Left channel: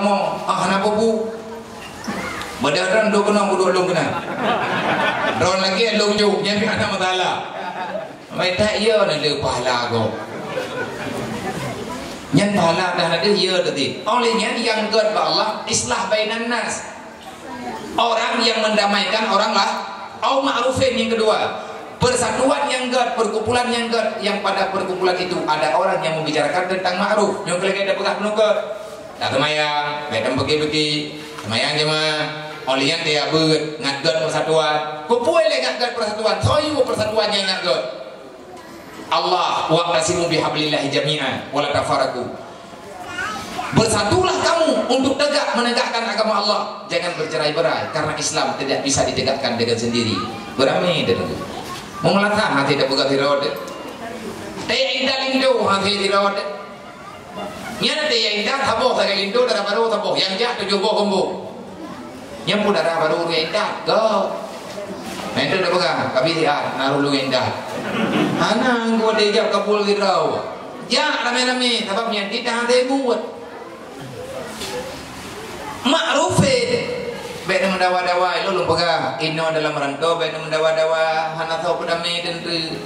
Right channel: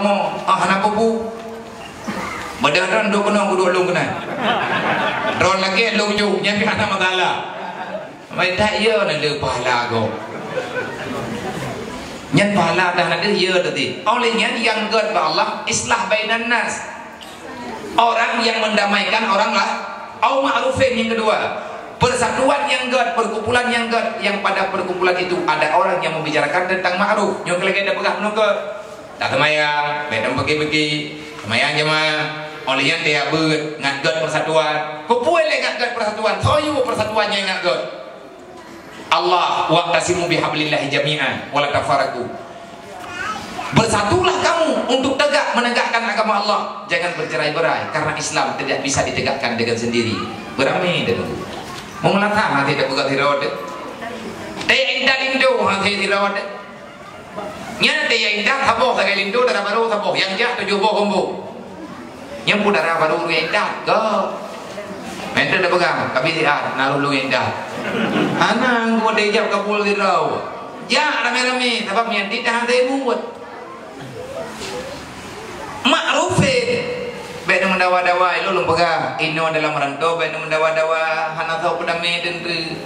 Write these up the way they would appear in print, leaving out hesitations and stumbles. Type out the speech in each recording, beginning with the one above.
agama. Kenapa bu? Berdaran dua kena, dua long kena. Ron lagi long jauh, yang kena masalah. Mai tak ia nak ada pahala kau. Yang pahala dah ada ia tadi. Olehnya yang got Allah islah bainan nas. Orang yang mendamaikan orang lah. Au ma'rufin yang kedua. Persatuan yang got, perkumpulan yang got, yang pada perkumpulan itu ada orang yang membicarakan tentang ma'ruf. Yang lagi ada pegang menukar. Tak kemayang, bedam pergi-pergi. Kemayang jemaah. Olehnya dia ber ngagot persatuan. Kupuai le ngagot persatuan. Soyu persatuannya ngagot. Allah waqtasimu bihablillahi jami'an wala tafarraqu. Bersatulah kamu untuk menegakkan agama Allah. Jangan bercerai-berai karena Islam tidak bisa ditegakkan dengan sendiri. Beramai dengan itu. Mengelatah hati tidak buka tirod. Taya indah lindo hati tirod. Nya taya indah taboh tak lindo darah baru taboh yang jah tujuh boh kombo. Yang pun darah baru yang indah ke. Mente dah pegang kami lihat naruh lu indah. Anak gua dejap kapul tirau. Ya rame-rame sebab yang tidak ada buat. Ma'rufin baik mendawa-dawa itu lu pegang ino dalam rantau baik mendawa-dawa hana tahu pedame tentu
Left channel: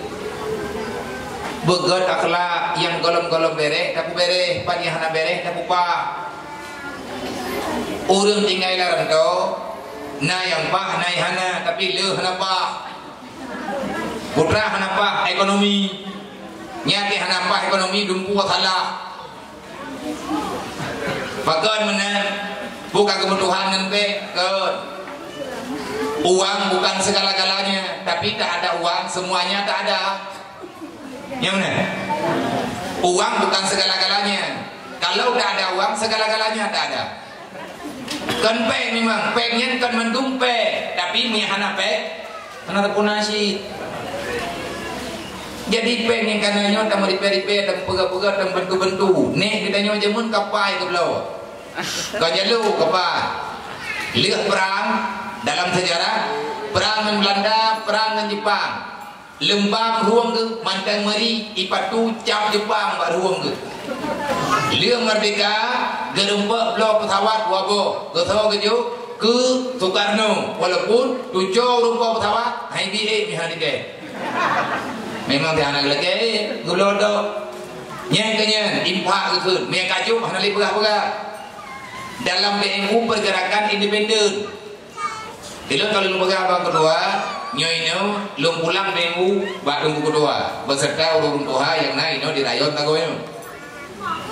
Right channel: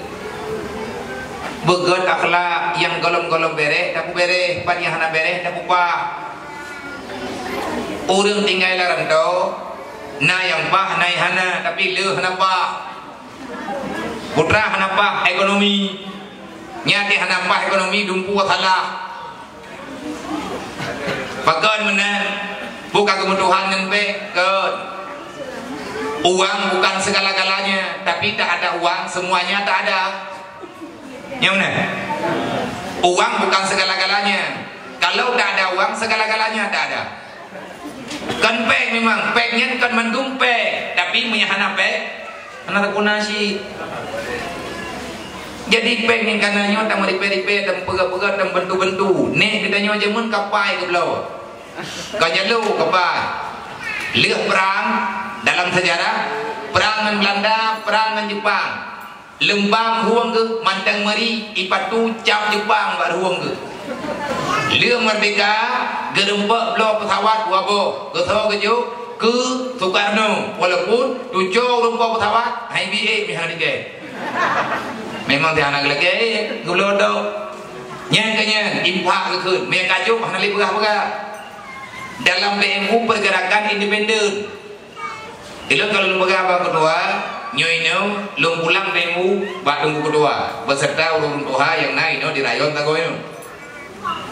begot akhlak yang golong-golong bereh tapu bereh pagi hana bereh tapu pa urang tinggal dalam rantau na yang pah na hana tapi le hana pah putra hana pah ekonomi nyati hana pah ekonomi dumpu salah pagon menan bukan kebutuhan yang baik ke uang bukan segala-galanya tapi tak ada uang semuanya tak ada yang mana uang bukan segala-galanya kalau tak ada uang segala-galanya tak ada kan pek memang peknya kan mendung pek tapi punya anak pek anak kunasi jadi pek ni kanannya tak meripe-ripe dan pega-pega dan bentu-bentu ni kita nyawa jemun kapai ke belau kau jalu apa? Lihat perang dalam sejarah perang dengan Belanda, perang dengan Jepang. Lembang ruang ke mantang meri ipatu cap Jepang bak ruang ke. Lihat merdeka gerempak blok pesawat wabo. Pesawat keju ke Soekarno walaupun 7 rumpah pesawat IBA mihalike. Memang dia anak lagi gulodo. Nyen kenyen impak ke me kaju hanali pegah-pegah. Dalam BMU pergerakan independen. Kalau lembaga abang kedua, nyoino lung pulang BMU bak lembu kedua beserta urun tuha yang naik no di rayon tagoyo.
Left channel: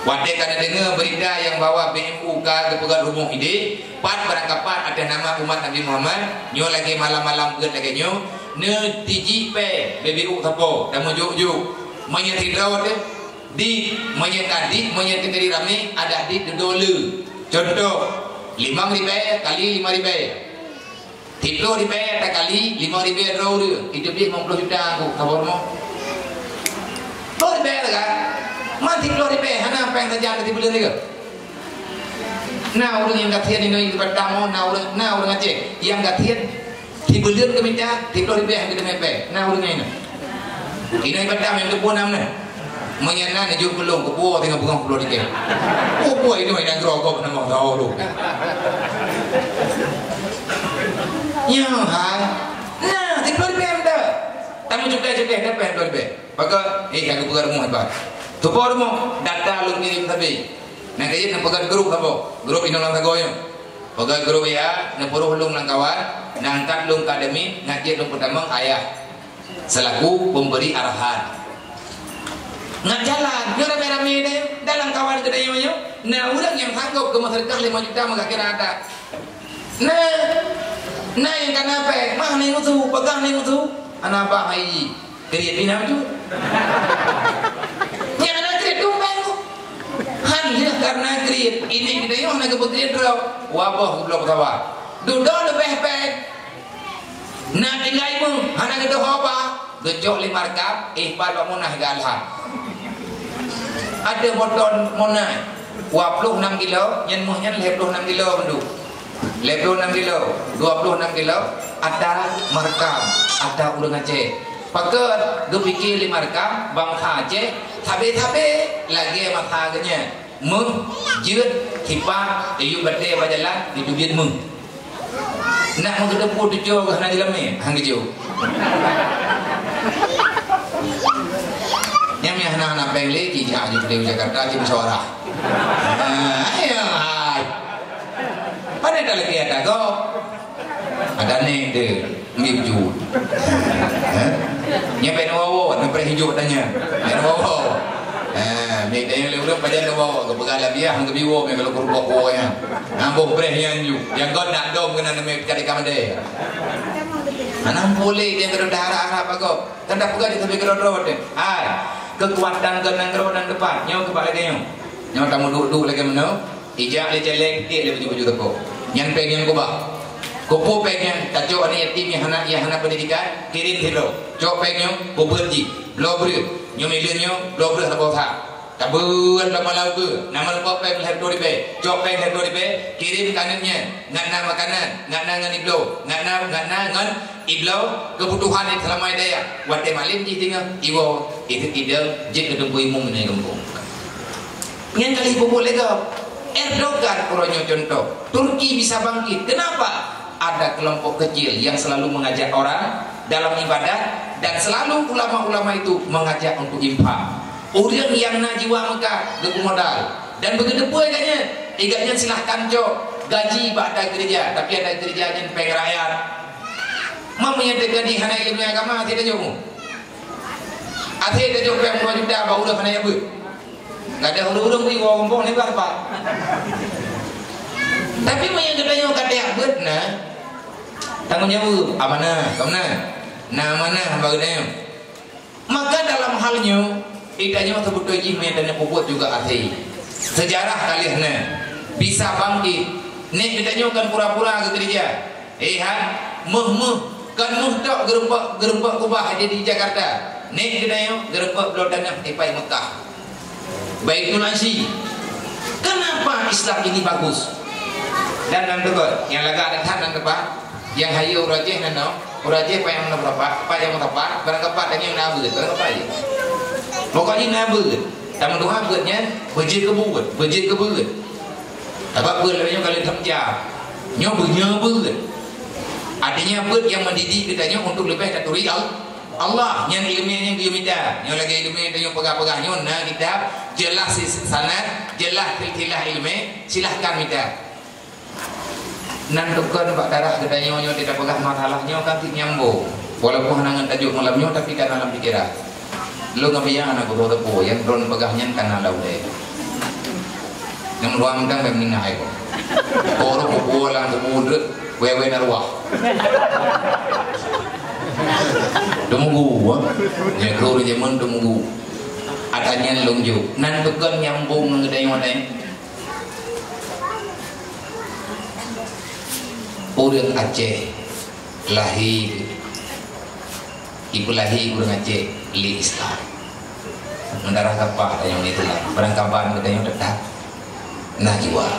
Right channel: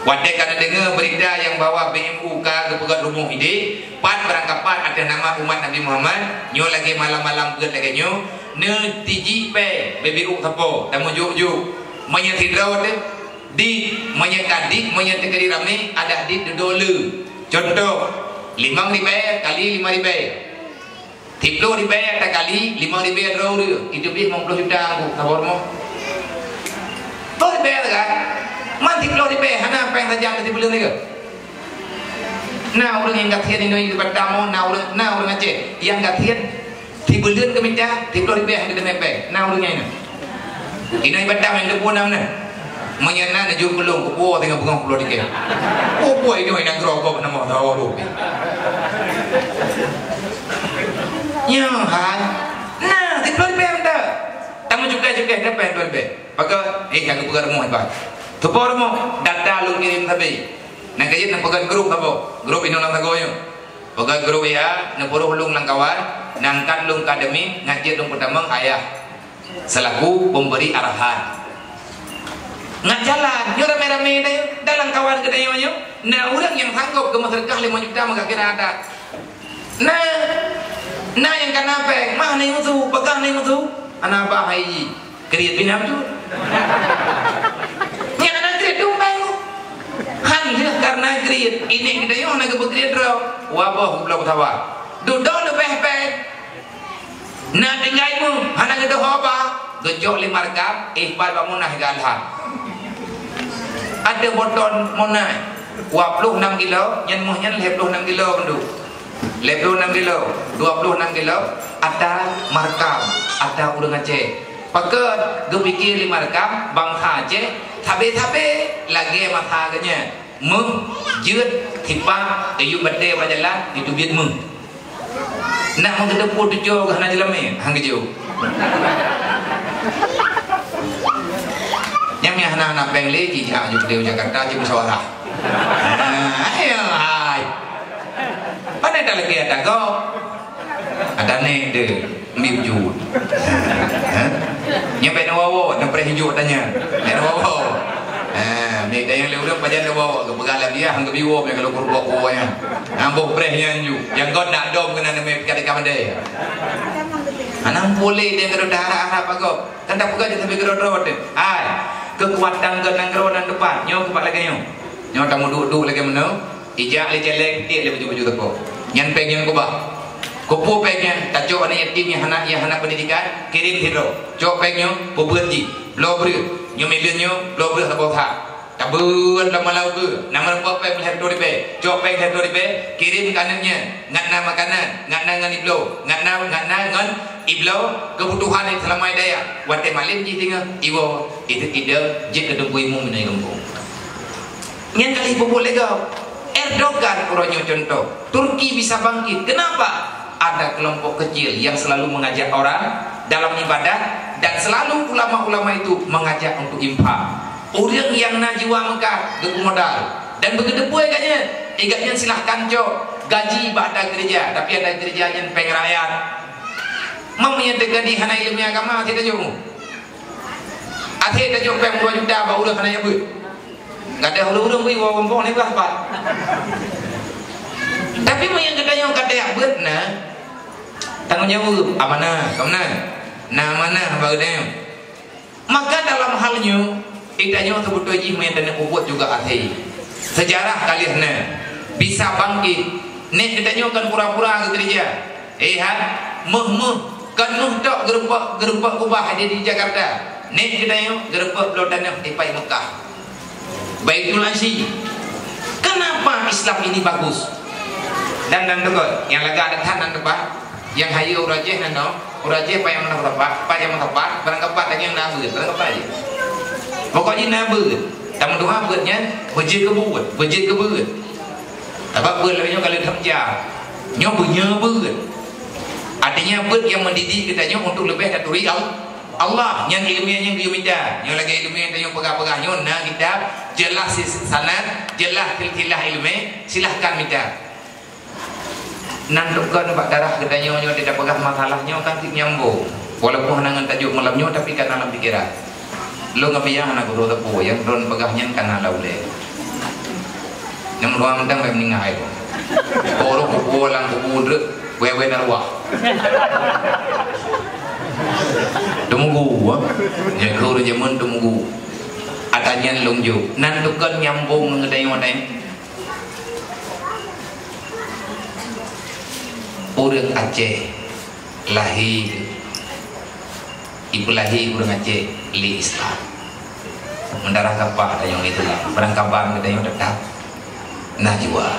Wadai kada dengar berita yang bawa BMU ke pegat rumah ide, pat berangkapan ada nama umat Nabi Muhammad, nyo lagi malam-malam pegat lagi nyo, ne tiji pe BBU tapo, dan mujuk-juk menyetirau di menyetadi menyetir rame ada di dolu. Contoh 5.000 kali 5.000 10.000 kali 5.000 roh itu dia 50 juta aku kabar mau boleh kan mati 10.000 hana apa yang terjadi di bulan ni nah orang yang katian ini pertama nah orang Aceh yang katian di bulan keminta 10.000 yang dimepek nah orangnya ini pertama yang depan namanya menyana na jur belum kepo tengah bunga pulau dikit. Oh boy ini main grogok nama tahu tu. Ya hai. Nah, di pulau dikit ada. Tamu juga dapat pulau dikit. Pakai yang kepugar mu hebat. Tu por mu data lu kirim tapi. Nak kaji nak pakai grup apa? Grup ini orang tagoyo. Pakai grup ya, nak puru hulung nang kawan, nangkat lung akademi, ngaji lung pertama ayah. Selaku pemberi arahan. Nak jalan, yo rame-rame deh dalam kawan kita yo. Nah, orang yang sanggup ke masyarakat 5 juta maka kira ada. Nah yang kenapa? Mah ni mutu, pegang ni mutu. Anak apa hai? Kriat bina tu. Yang anak kriat tu bayu. Hanya karena kriat ini kita yo nak berkriat ro. Wabah belum tahu. Duduk lebih baik. Nak tinggalmu, anak kita apa? Gejok 5 rekap, ihbal bangunah galha. Ada boton monai 26 kilo yang muhnya 26 kilo mendu 26 kilo 26 kilo ada markam ada urang Aceh pakai gue pikir 5 rekam bangsa Aceh tabe lagi mataganya mừng dứt thì ba iu bật đê ba jalan itu biết mừng nak mau kita pun tujuh ke hana dalam ni hang kejauh yang ni hana peng le ji ja ju de Jakarta ji bersuara ayo hai pada tak lagi ada kau ada ni de miju nyampe nawawo nyampe hijau tanya nawawo ni dah yang lewat badan nawawo ke pegang dia hang ke biwo me kalau kurbo ko ya ambo breh yang ju yang god nak dom kena me kata kamade anam boleh dia kalau darah apa kau tanda pegang dia sampai gerot-gerot ai kekuatan kenang dan depan nyo kepak lagi nyo kamu duduk lagi mana ijak le jelek dia le baju teko nyan pengen ko ba ko pengen tajo ani yatim yang hana pendidikan kirim hero jo pengen ko berji lo ber nyo melen nyo lo ber sabo tha tabun lama lau ke nama ko pengen lihat dori be jo pengen dori be kirim kanannya ngana makanan ngana ngan iblo ngana ngan iblo kebutuhan yang selama daya wate malim ji tinggal iwo itu tidak jid ke debui mu menai kampung nyen kali boleh kau Erdogan puronyo contoh Turki bisa bangkit kenapa ada kelompok kecil yang selalu mengajak orang dalam ibadah dan selalu ulama-ulama itu mengajak untuk infak orang yang najiwa Mekah gebu modal dan begitu pun igaknya silahkan cok gaji pada gereja tapi ada gereja yang pengen rakyat mami yang dekat di hana ilmu agama tidak jauh akhirnya jauh pengen 2 juta baru dah hana yang ber gak ada hulu-hulu gue ngomong ni apa tapi mau yang gedanya gak ada yang ber nah tanggung jawab amanah kemana nah mana bagusnya maka dalam halnya idanya sebut wajib dan yang buat juga arti sejarah kalian bisa bangkit nek idanya kan pura-pura ke gereja kan nuhdok gerubah kubah ada di Jakarta nek idanya gerubah lodan yang di Mekah Baitul Aziz kenapa Islam ini bagus dan betul yang lega ada tangan depan yang hayu urajeh nano urajeh apa yang berapa apa yang tepat barang kepat yang nabu barang apa aja pokoknya nabu tamu doa beutnya bejir ke beut apa beut lebihnya kali terjah nyobunya beut artinya beut yang mendidik kitanya untuk lebih dari Allah yang ilmunya yang dia minta yang lagi ilmu yang dia pegang-pegang nah kita jelas sanad jelas tilkilah ilmu silahkan minta nandukan pak darah katanya nyo tidak pegang masalahnya tapi nyambung walaupun nangan tajuk malamnya tapi kan dalam pikiran lo ngabayang anak guru tepu yang drone pegahnya kan lalu deh yang ruang tang meninggal kok orang kubulan kubudre wewe narwah tunggu ya guru zaman tunggu adanya lungju nandukan nyambung ngedeng-ngedeng orang Aceh lahir ibu lahir orang Aceh li Islam mendarah kapal ada yang itulah berangkapan kita yang dekat najwa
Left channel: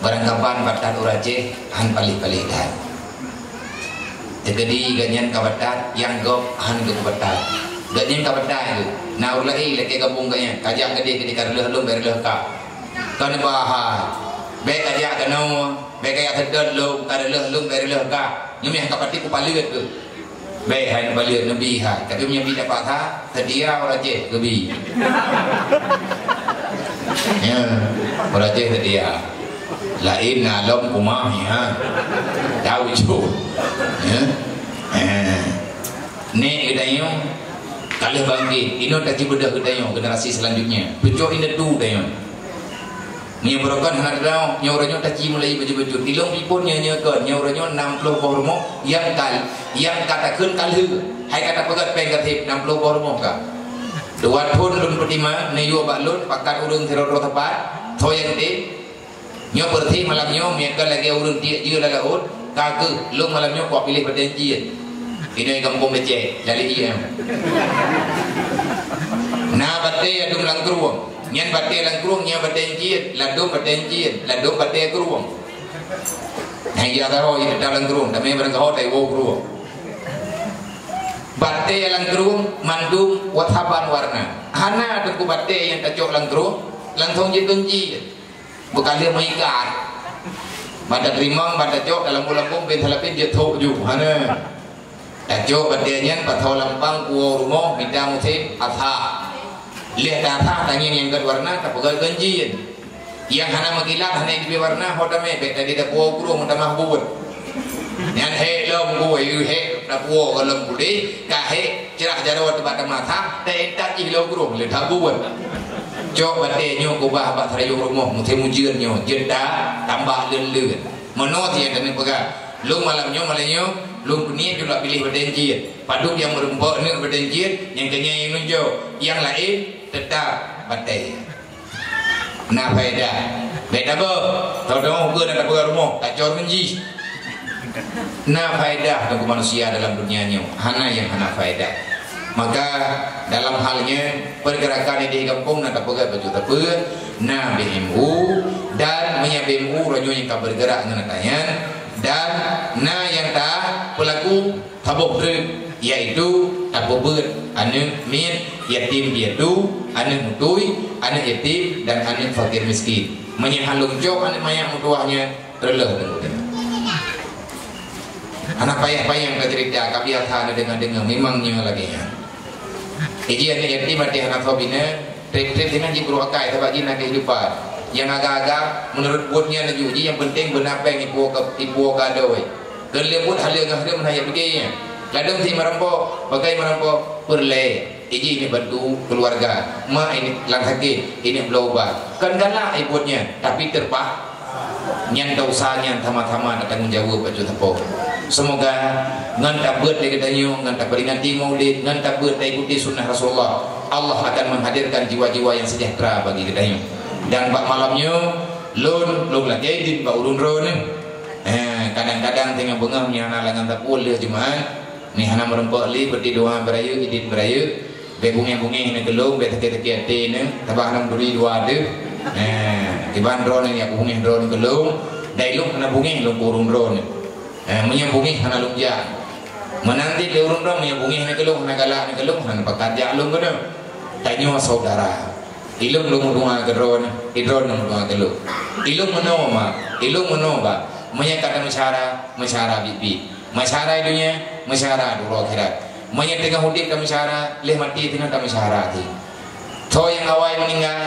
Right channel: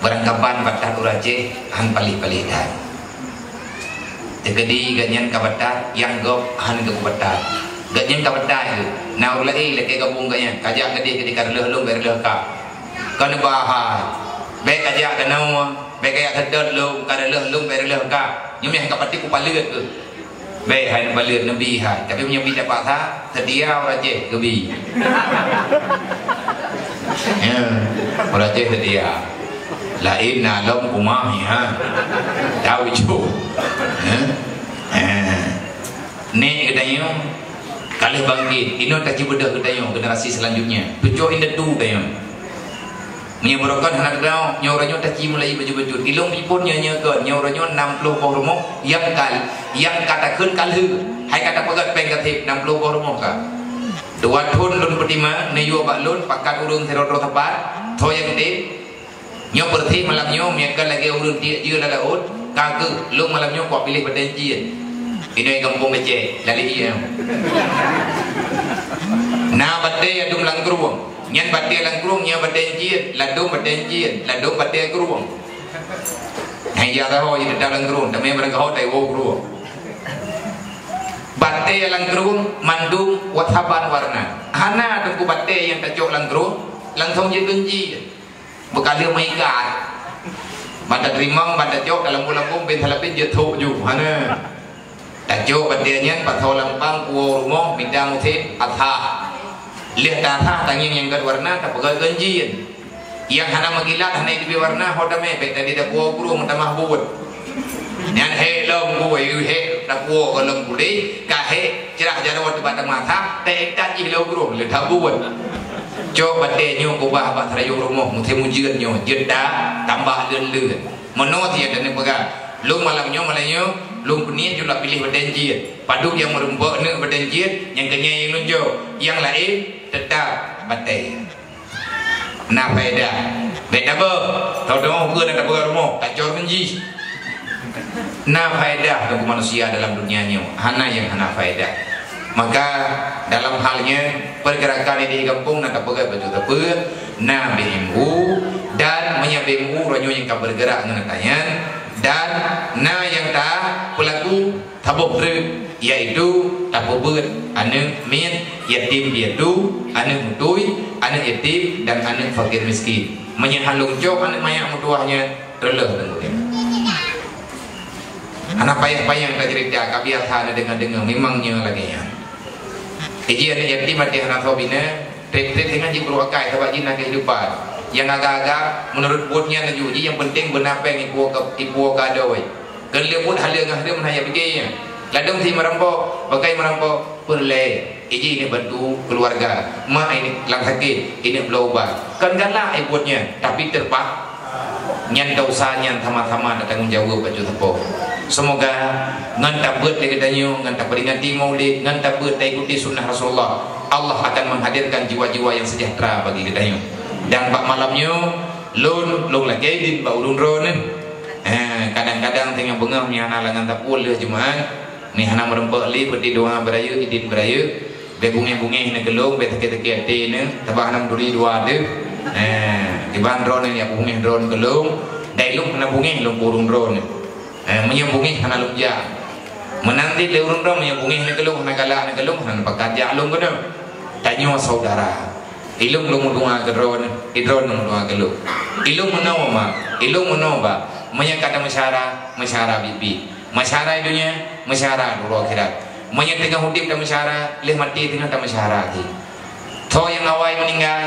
berangkapan batat orang Aceh han palih-palih dah jadi ganyan kabatat yang gop han ke kabatat ganyan kabatat itu nah ulai lagi gabung ganyan kajak gede karleh lum berleh ka kan bahar baik kajak kenau baik kaya terdet lu kareleh lu bereleh ka nyumi hang kapati ku palit tu baik hang palit nabi ha tapi punya bida patah sedia orang je gebi ya orang je sedia lain alam kumah ha tahu itu ni gedanya kali bangkit ino kaji bedah gedanya generasi selanjutnya tujuh ini tu gedanya ni berokon anak kau nyoranya taji mulai baju-baju ilung pun nyanyi kan nyoranya 60 hormo yang katakan kalhu hai kata pegat pengatip 60 hormo ka dua thun lun pertima niyo baklun pakat urung seroro tepat thoyang de nyo berthi malam nyo meka lagi urung dia je dalam laut kaku lu malam nyo kok pilih pada jin ini kampung Aceh lali dia na batte adum langkruang nyan batte langkruang nya batte jin ladu batte kruang hai ya garo ini dalam kruang tapi berkau tai wo kruang batte langkruang mandum wataban warna hana tu batte yang tajok langkruang langsung je genji berkala mengikat pada terima pada jok dalam bulan pun ben salapin je thuk ju hana tak jok badenya patho lampang kuo rumah minta mutin atha lihat tata tanya yang berwarna tak pegal genji yang hana magilat hana di warna hodame bet tadi dak kuo guru mutamah bubut nyan he lom gue he dak kuo lom budi ka he cerah jarot di batang mata te tak ji lo guru le bubut cho bade nyo ko ba ba thrayo rumah mutin mujian nyo jeda tambah lele menot dia dan pegang lu malam nyo lu punya juga pilih berdenjit paduk yang merembok ni berdenjit yang kenya yang nunjuk yang lain tetap batai na faedah beda ber kalau dong ke nak ber rumah tak jor genji na faedah untuk manusia dalam dunianya hana yang hana faedah maka dalam halnya pergerakan di kampung nak pegat baju tepun na bimbu dan menyabimbu ranyo yang tak bergerak dengan tanya dan na yang tak pelaku tabuk ber yaitu tabuk ber anu min yatim piatu anu mutui anu yatim dan anu fakir miskin menyahalung jok anu mayak mutuahnya terleh tentunya anak payah-payah yang cerita kabiar thana dengan memangnya lagi iji anu yatim mati anak sobina trip-trip dengan jibru akai sebab jina kehidupan yang agak-agak menurut buatnya najuji yang penting benapeng ipu kadoi gelebut halia ngahdim hanya begini ladang si merampok bagai merampok perle iji ini bantu keluarga ma ini lang sakit ini belum obat kan-kanlah ibuatnya tapi terbak nyan dosa nyan sama-sama tanggung jawab baju tepuk semoga ngan tabut dari danyo ngan taberingati maulid ngan tabut ikuti sunnah Rasulullah Allah akan menghadirkan jiwa-jiwa yang sejahtera bagi kita ini dan bak malamnya lun lagi di bak urun ron kadang-kadang tengah bengah ni hana langan tapul le jemaah ni hana merempok li berdi doa beraya idin beraya be bunge-bunge ni gelung be teke-teke ate ni tabah hana duri dua de di bandron ni aku bunge drone gelung dai lung na bunge lung urun ron menyambungi hana lung ja menanti le urun ron menyambungi ni gelung na galak ni gelung hana pakat ja lung gono tanyo saudara ilung lung doa gedron idron lung doa gelung ilung menoma menyangkata masyara bibi masyara dunia masyara dulu akhirat menyang tengah hudip dan masyara leh mati tengah tak masyara ti to yang awal meninggal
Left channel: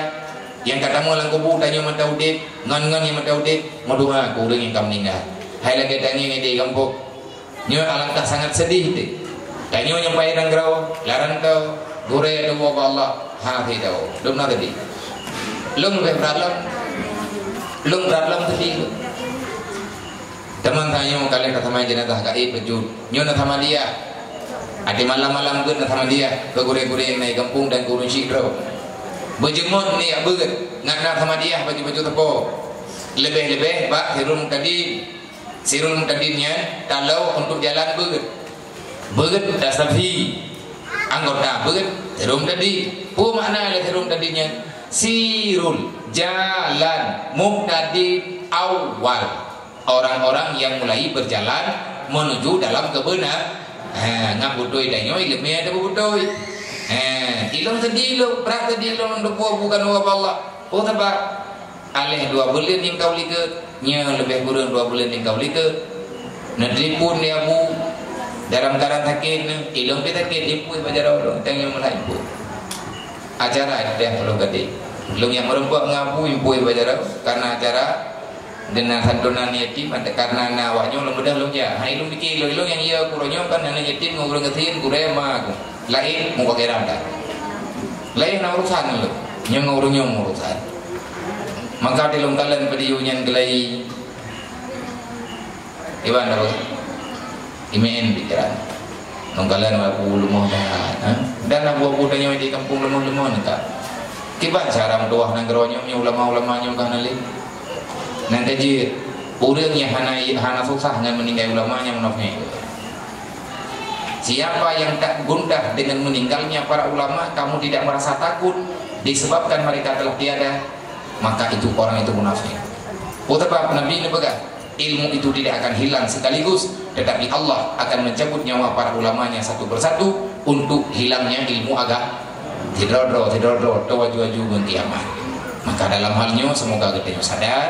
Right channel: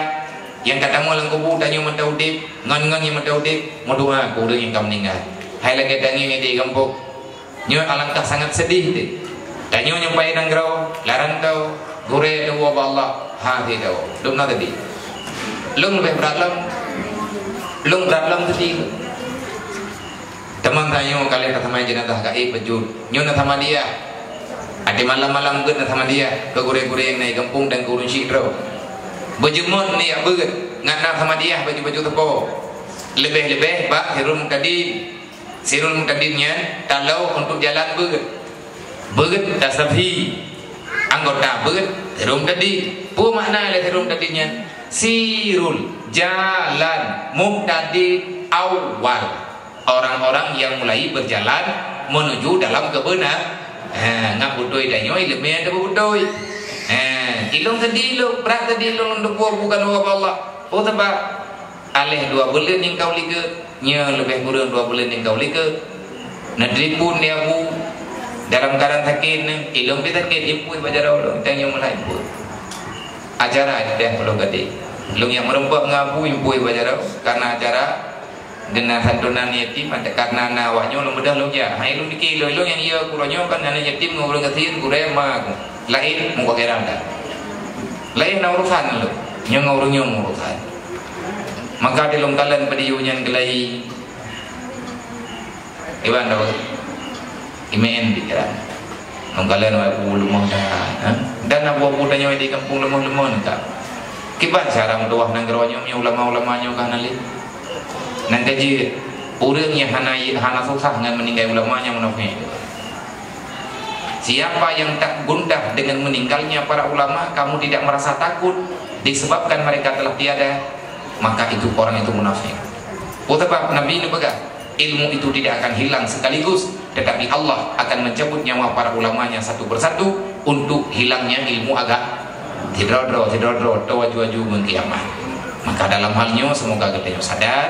yang kata mo lang kubu tanyo mata hudip ngan yang mata hudip modua ko yang kam meninggal hai lagi tanyo yang di kampung nyo alangkah sangat sedih ti tanyo nyupai dan grau larang tau gure tu Allah ha thi tau dum na tadi lung lebih berat tadi teman tanya kalian sama jenazah kai pejut nyo na sama dia ati malam-malam geun na sama dia ke gure-gure yang naik kampung dan kurun sikro bejemon ni abeut ngana sama dia baju-baju tepo lebih-lebih bak sirul mutadinnya talau untuk jalan beut tasafi anggota beut sirul tadi pu makna le sirul tadinya sirul jalan muktadi awal orang-orang yang mulai berjalan menuju dalam kebenaran ngabutoi danyo ilmu ada butoi ilung tadi lu berat tadi lu ndepo bukan Allah oh sebab alih 2 bulan yang kau lihat nya lebih kurang 2 bulan yang kau lihat nadri pun dia bu dalam keadaan sakit ilung kita sakit ibu bajar orang tanya mulai ibu acara ada kalau gede lu yang merempok ngabu ibu bajar karena acara dengan santunan yatim ada karena nawaknya lu mudah lu ya hai lu dikir lu yang iya kuronyo kan nana yatim ngobrol kesin kuraya mah lain muka keranda lain urusan lu nyong urusan maka di longkalan pediunyan gelai iwan daw imen bicara longkalan abu lumah dan abu budanya di kampung lumah tak kiban cara mendoah nang geronyo ulama-ulamanya kan ali nanti ji orang yang hana susah dengan meninggal ulamanya menofnya. Siapa yang tak gundah dengan meninggalnya para ulama, kamu tidak merasa takut disebabkan mereka telah tiada, maka itu orang itu munafik. Sebab Nabi ini pegang ilmu itu tidak akan hilang sekaligus, tetapi Allah akan mencabut nyawa para ulamanya satu persatu untuk hilangnya ilmu agama. Tidrodro, tawaju-aju kiamat. Maka dalam halnya semoga kita sadar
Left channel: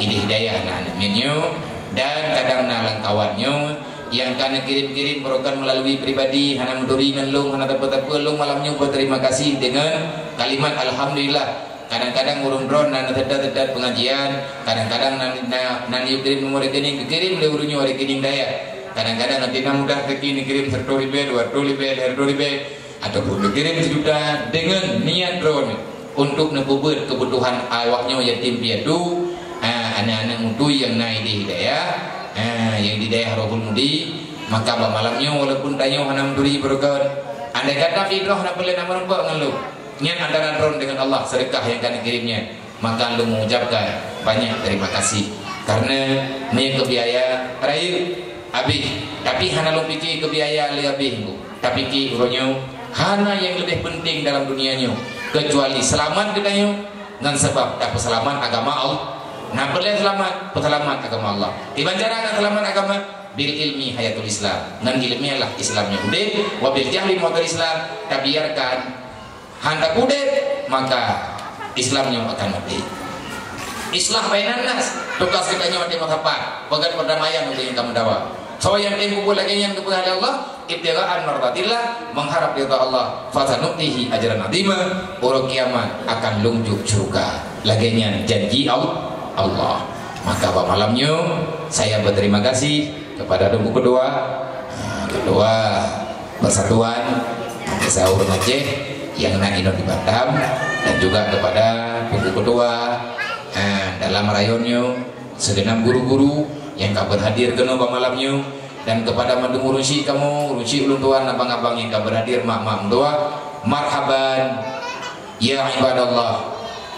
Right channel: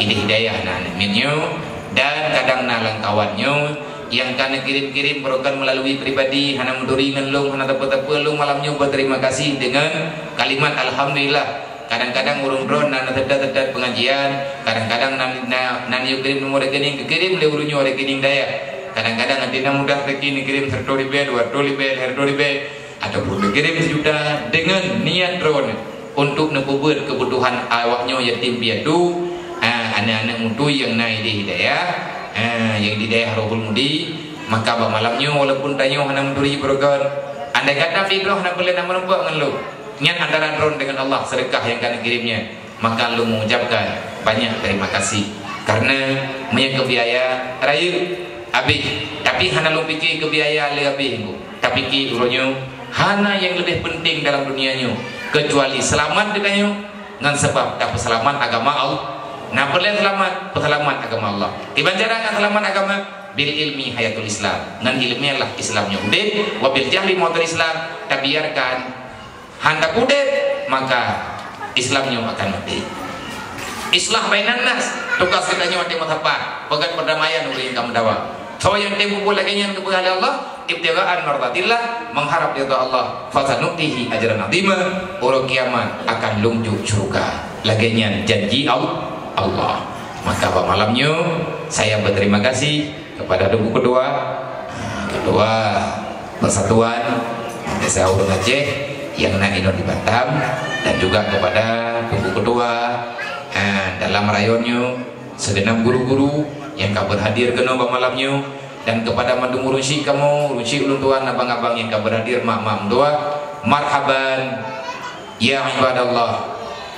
ini hidayah anak minyo dan kadang nalang kawannya yang kana kirim-kirim program melalui pribadi hana muturi ngelung hana tapa-tapa lung malamnya berterima kasih dengan kalimat alhamdulillah. Kadang-kadang urung drone nana tedat pengajian, kadang-kadang nani kirim nomor rekening kirim le urunyo rekening daya. Kadang-kadang nanti mudah rekening kirim 1 ribu, 2 ribu, 3 ribu atau perlu kirim sejuta dengan niat drone untuk nekubur kebutuhan awaknya yatim piatu, anak-anak mutu yang naik di hidayah, yang di daerah Rohul Mudi. Maka malamnya walaupun tanya hana muturi program, andai kata fikroh nak boleh nama nampak dengan lu niat antara drone dengan Allah sedekah yang kami kirimnya, maka lu mengucapkan banyak terima kasih karena punya kebiaya raya habis. Tapi hana lu fikir kebiaya le habis, tapi fikir uronyo hana yang lebih penting dalam dunianya kecuali selamat ditanya dengan sebab dapat selamat agama Allah. Nah boleh selamat agama Allah. Dibancarakan selamat agama bil ilmi hayatul Islam. Dengan ilmiah lah Islamnya udah, wabil jahli motor Islam. Tabiarkan hendak udah, maka Islamnya akan mati. Islah bainan nas, tugas kita nyawa di mazhab, pegang perdamaian untuk yang kamu dakwah. So yang timbul lagi yang kepada Allah, ibtigaan mardatillah, mengharap ridha Allah. Fasanuktihi ajran azima, orang kiamat akan lunjuk surga. Laginya janji Allah. Maka malamnya saya berterima kasih kepada Duku Ketua Persatuan Desa Urun Aceh yang naik di Batam, dan juga kepada Duku Ketua dalam rayonnya, segenap guru-guru yang kabar hadir kena malamnya, dan kepada madu ngurusi kamu, ngurusi ulun tuan abang-abang yang kabar hadir, mak-mak tua, marhaban ya ibadallah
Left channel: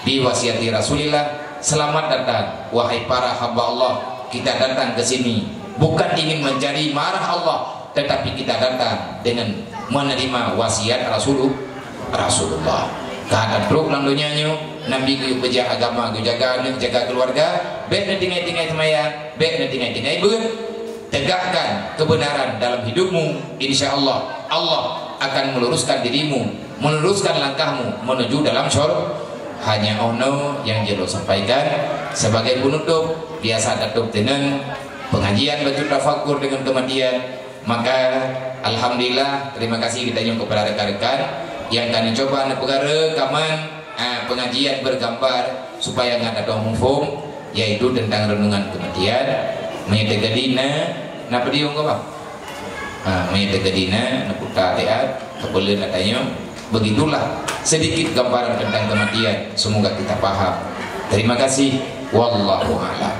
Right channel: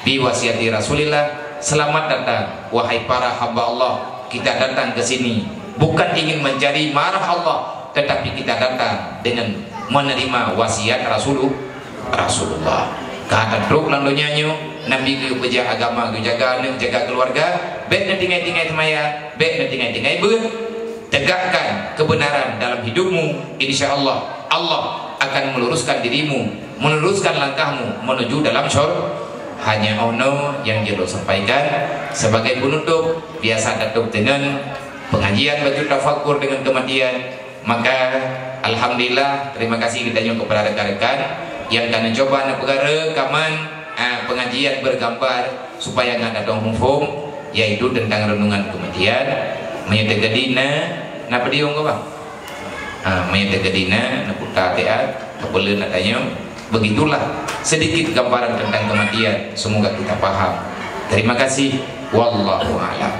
bi wasiati Rasulillah. Selamat datang wahai para hamba Allah. Kita datang ke sini bukan ingin mencari marah Allah, tetapi kita datang dengan menerima wasiat Rasulullah. Kata truk lalunya Nabi ku beja agama ku jaga anak jaga keluarga, baik tinggai-tinggai semaya, baik tinggai-tinggai tegakkan kebenaran dalam hidupmu. Insyaallah Allah akan meluruskan dirimu, meluruskan langkahmu menuju dalam syurga. Hanya ono yang jero sampaikan sebagai penutup, biasa datuk dengan pengajian batu tafakur dengan kematian. Maka alhamdulillah terima kasih kita kepada rekan-rekan yang kami coba negara rekaman pengajian bergambar supaya nggak ada humfum, yaitu tentang renungan kematian. Menyetegadina napa dia nggak bang? Menyetegadina nakuta teat kepelun katanya. Begitulah sedikit gambaran tentang kematian. Semoga kita paham. Terima kasih. Wallahu a'lam.